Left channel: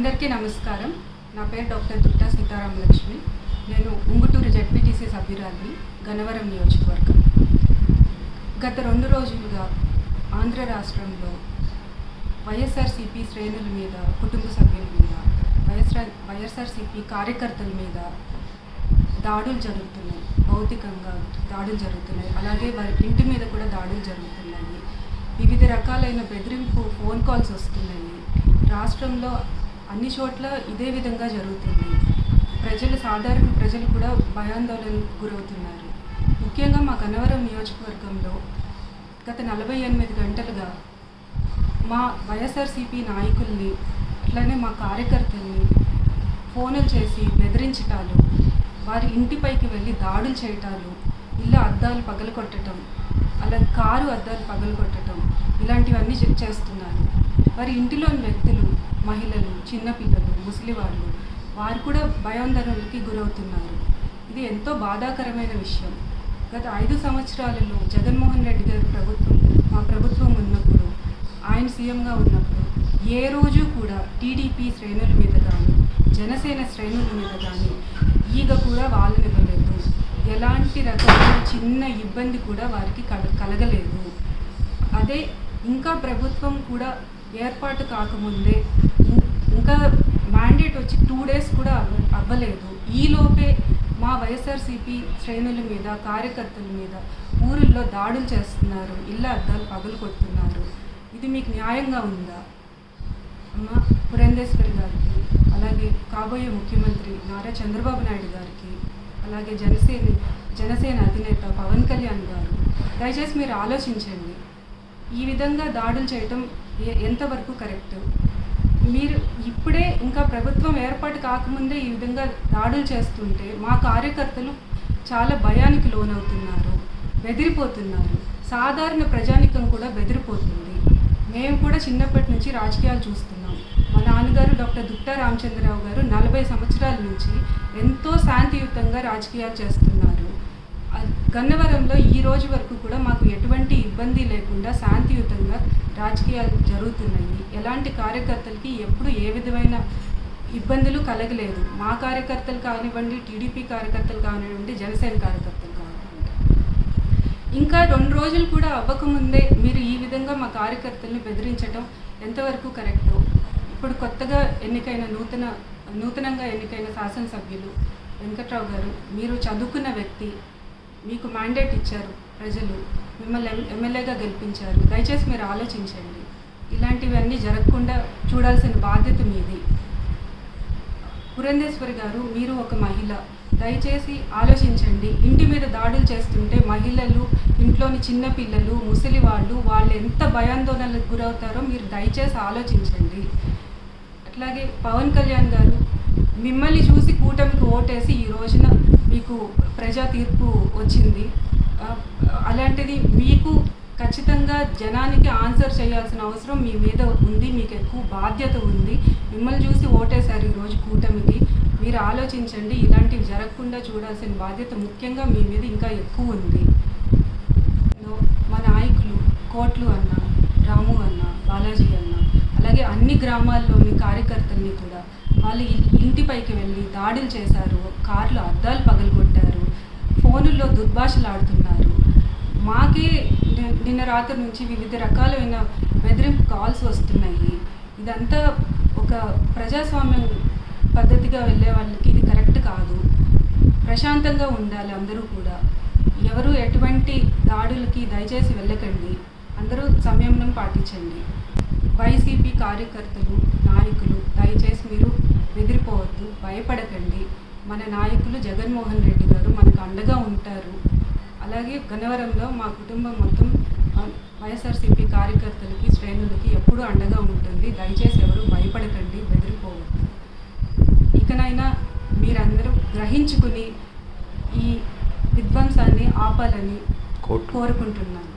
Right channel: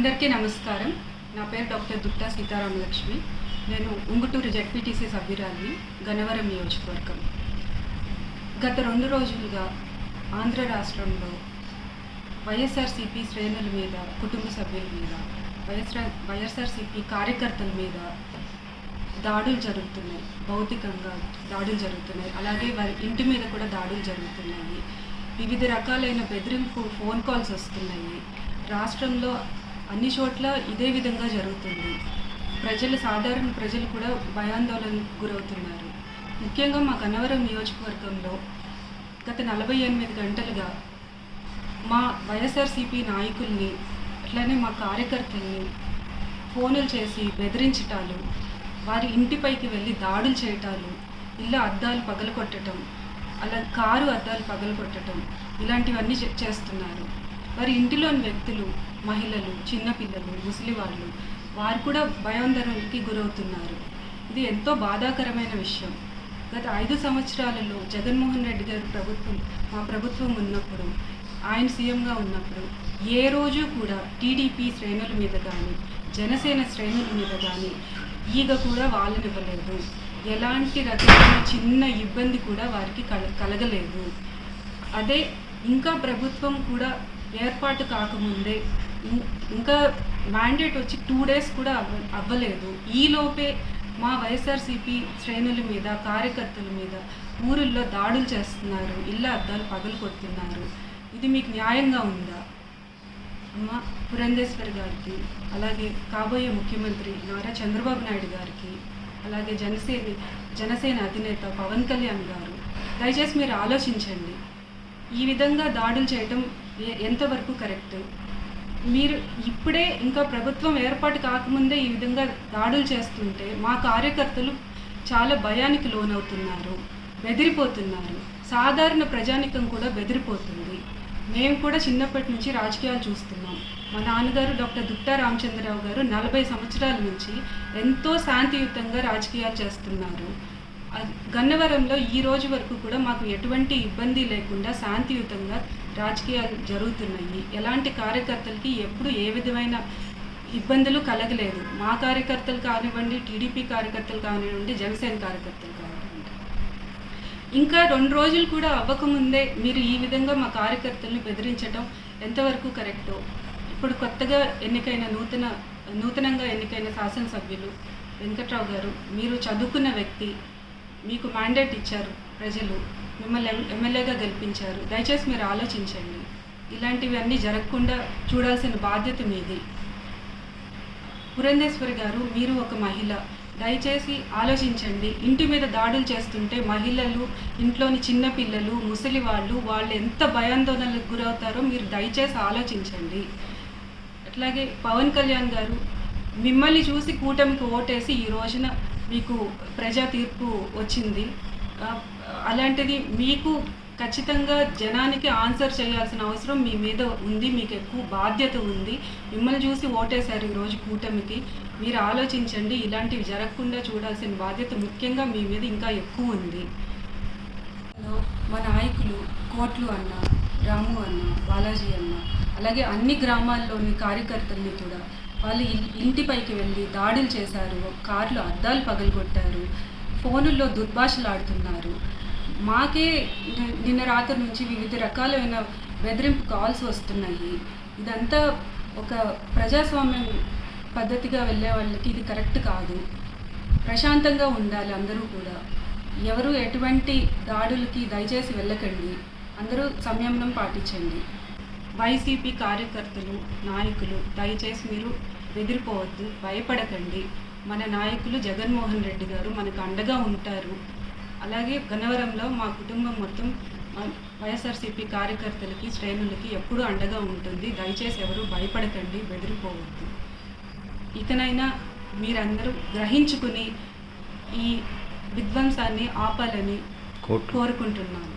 అందరికీ నమస్కారం. నా పేరు డాక్టర్ దుట్టా సీతారామలక్ష్మి. నేను ఉంగుటూరు జెడ్పీటీసీ సభ్యురాలిని, గన్నవరం నియోజకవర్గం. గత 2 రోజులుగా ఆంధ్ర రాష్ట్రంలో వైఎస్ఆర్సీపీ శ్రేణుల మీద, కుటుంబ సభ్యుల మీద, వైఎస్ఆర్సీపీ కార్యకర్తల మీద దాడులు జరుగుతున్నాయి. భౌతికంగా దాడులు జరుగుతున్నాయి. అలాగే వారి ఇంటి మీద కూడా దాడులు జరుగుతున్నాయి. వివిధ రకాలైన బెదిరింపు ఫోన్ కాల్స్ వస్తున్నాయి. రాష్ట్రంలో అన్ని చోట్ల ఇదే విధంగా జరుగుతుంది. సాధారణ ప్రజలు కూడా భయాందోళనకు గురవుతున్నారు. ముఖ్యంగా మా గన్నవరం నియోజకవర్గంలో గత 48 గంటలుగా మా వైఎస్ఆర్సీపీ నాయకుల్ని, అట్లనే మా కార్యకర్తల్ని ఫోన్లు చేసి బెదిరించటాలు, వారి ఇంటిపైకి వెళ్ళి దాడులు చేయటాలు, ఇళ్ళ అద్దాలు పగలగొట్టడం, అలా కారు అద్దాలు పగలగొట్టడం, ఇలాంటివన్నీ చేస్తున్నారు. వారి ఇంటిలోని వ్యక్తులు, మహిళలు, చిన్నపిల్లలు, ముసలివాళ్ళు, వారు కూడా భయాందోళనకి గురవుతున్నారు. ఇది ఎంతో బాధాకరమైన విషయం. గత 5 సంవత్సరాలలో జగన్మోహన్ రెడ్డి గారి మా ప్రభుత్వం ఉన్నప్పుడు, ఆయన సీఎంగా ఉన్నప్పుడు ఏ రోజు కూడా టీడీపీ శ్రేణుల మీద కానీ, జనసేన శ్రేణుల మీద కానీ ఈగ కూడా వాళ్ళనివ్వలేదు. ఎలాంటి రకమైన చిన్న ఇబ్బంది కూడా వారికి కలగలేదు. అదే ఇంకా ప్రభుత్వం కూడా ఏర్పాటు కాకముందే, ఇంకా మ్యాండేట్ వచ్చి 2 days కూడా అవ్వలేదు. ఈలోపే మా వైఎస్ఆర్సీపీ శ్రేణుల మీద, కార్యకర్తల మీద ఊరుల్లో దాడులు చేస్తున్నారు, ఇళ్ళ అద్దాలు పగలు కొడుతున్నారు. ఇది మీకు న్యాయంగా ఉందా? అమ్మ పురంధేశ్వరి గారికి, అలాగే కాబోయే ముఖ్యమంత్రి నారా చంద్రబాబు నాయుడు గారికి, అలాగే జనసేన అధినేత పవన్ కళ్యాణ్ గారు, దయచేసి మీరు ఆలోచించండి. ఈ విధంగా దాడులు చేయటం ఎంతవరకు కరెక్ట్? మీరు ఇప్పుడే ఇంకా ప్రభుత్వం ఏర్పాటు కాకముందే ఈ విధంగా దాడులు చేస్తుంటే మా కార్యకర్తలు చాలా భయానికి లోనవుతున్నారు, బెదిరిపోతున్నారు. సాధారణ ప్రజానికం కూడా బెదిరిపోతుంది. మేము కూడా చిన్నప్పటి నుంచి రాజకీయాలు చూస్తున్నాం. మా నాన్నగారు డాక్టర్ దుట్టా రామచంద్రరావు గారు 40 సంవత్సరాల నుంచి ఎంతో శాంతియుతంగా రాజకీయాలు చేస్తున్నారు. గన్నవరంలో ఈ రోజు వరకు కూడా మాకు ఎటువంటి ఇబ్బంది లేకుండా శాంతియుతంగా రాజకీయాలు జరుగుతున్నాయి. ఎలాంటి కార్యకర్తలకి ఎప్పుడు ఏ విధమైన ఇబ్బందులు కలగలేదు. మా కార్యకర్తలు కానివ్వండి, టీడీపీ కార్యకర్తలు కానివ్వండి, జనసేన కార్యకర్తలు కానివ్వండి. ఇంకా 2 రోజులు కూడా అవ్వకముందే మీరు ఈ విధంగా మా కార్యకర్తల్ని బెదిరించడం ఎంతవరకు కరెక్టో. ఇప్పుడు కొత్తగా ఎన్నికైన నూతనంగా ఎన్నికైన శాసనసభ్యులు వెంకట్రావు గారు, మీరు చదువుకున్న వ్యక్తి, మీకు మ్యాండేట్ ఇచ్చారు ప్రజలు, మిమ్మల్ని ఎమ్మెల్యేగా గెలిపించారు. దయచేసి మీరు ఆలోచించండి. ఇలాంటివన్నీ జరగకుండా చూడాల్సిన బాధ్యత మీది. పురంధేశ్వరి గారు, మీరు ఒక మహిళ, దయచేసి ఆలోచించండి. ఇంటి మీద దాడులు చేస్తుంటే మహిళలు, ఇంట్లోని చిన్నపిల్లలు, ముసలి వాళ్ళు ఎంత భయాందోళనలకు గురవుతారో మీరు దయచేసి ఆలోచించండి. అట్లాగే పవన్ కళ్యాణ్ గారు, మిమ్మల్ని చూసి కూటమికి ఓటేసి ఈ రోజున మీకు ప్రజా తీర్పు వచ్చింది. అలాంటిది మీకు ఖచ్చితంగా జనానికి ఆన్సర్ చేయాల్సిన అవసరం మీ మీద ఉంది. మీకు ఎక్కువ బాధ్యత ఉంది. మిమ్మల్ని చూసి ఓటేశారు ఈరోజు కూటమికి. మీరు ఆలోచించండి. ఇలాంటివి జరగకుండా చూడాల్సిన బాధ్యత ముఖ్యంగా మీ మీద ఇంకా ఎక్కువ ఉంది. మా నాయకులు కోట్లు అన్న, రాము అన్న, బాలాజీ అన్న, అలాగే అన్ని గ్రామాల్లోని కార్యకర్తల్ని కూడా వాళ్ళు ఇంటిపైకి వెళ్ళి దాడులు చేశారు, కార్లు అద్దాలు పగలగొట్టారు, ఫోనుల్లో దుర్భాషలాడుతున్నారు. మాకే నిన్న రాత్రి నుంచి వివిధ రకాలైన బెదిరింపు కాల్స్ వస్తున్నాయి. ఇదంతా ఒక ప్రజాస్వామ్యం పద్ధతిగా వెళ్ళే వాళ్ళకి ఇది కరెక్ట్ కాదు. ప్రశాంతంగా ఉండాలి అందరూ కూడా. ఎవరు ఎటువంటి దాడులకి దయచేసి వెళ్ళకండి. అందరూ సంయమనం పాటించండి. వైసీపీ కార్యకర్తలు, నాయకులు, దయచేసి మీరు బెదిరిపోవద్దు, భయపడకండి. మన నాయకులు జగన్మోహన్ రెడ్డి గారు మనకు అండగా ఉంటారు. అలాగే గన్నవరంలో మా కుటుంబం మొత్తం వైఎస్ఆర్సీపీ కార్యకర్తలకి, శ్రేణులకి ఎప్పుడూ అండగా ఉంటుంది. దయచేసి ఎవరు భయపడకండి, బెదిరిపోవద్దు. ఇకనైనా మీరందరూ గ్రహించుకుని ఈ విధ్వంసాన్ని ఆపాలని కోరుకుంటున్నాను.